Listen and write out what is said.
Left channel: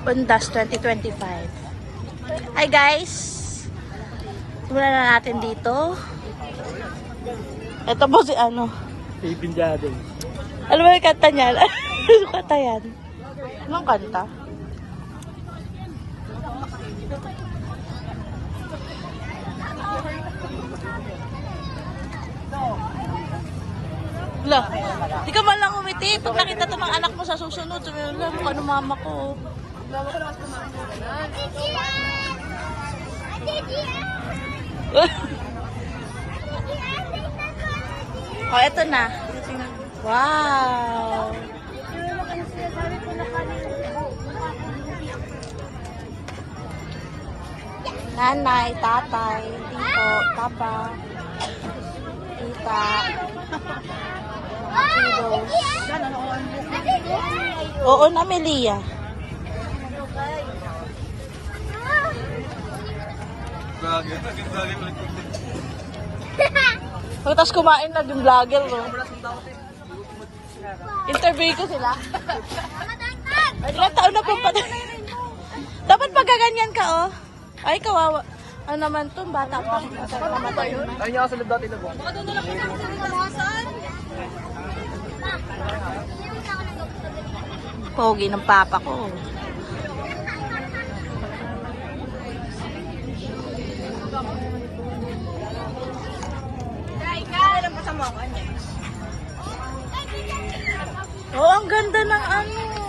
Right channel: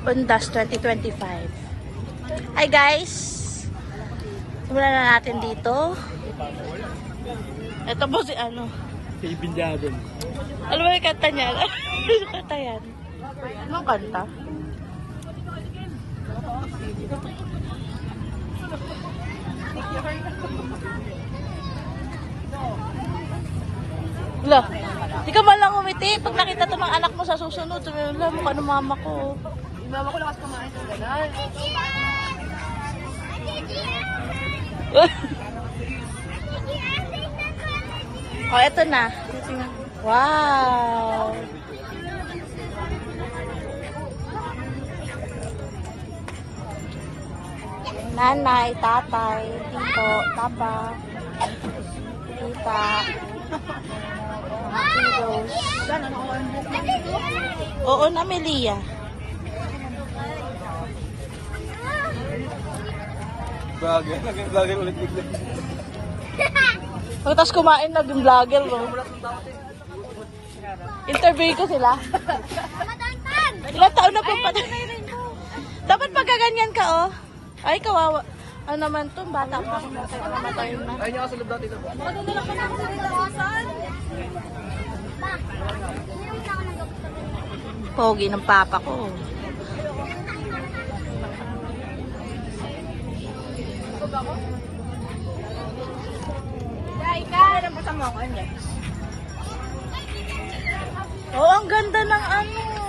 Undas 2025. Hi guys! Simulan na natin dito. Ito po si ano? Ibin Jaden. Alam mo yung kanta niyan? Ano kanta yan? Anong kanta? Wala. Di ka man lang umiti. Pag nakita to ng anak mo sa susunod, sabi mo, mukha ng mama ko. Mama ko lang kasi kumain ng gano'n. Oh, eto na. Wow! Nanay, tatay, tito, papa, tita, mga kiddos. Oo na, Melia. Vlogger ulit tignan. Tapos kumain na din vlogger, no? Interview ko sila. Ilang taon na po pa. Dapat pagkaganyan ka, oh. Ay, kawawa. Ano naman to? Bata pa. Namatay na. Ayun niya ako sa loob dati na po. Pogi ng papa ko. Oh, ang ganda ng ano.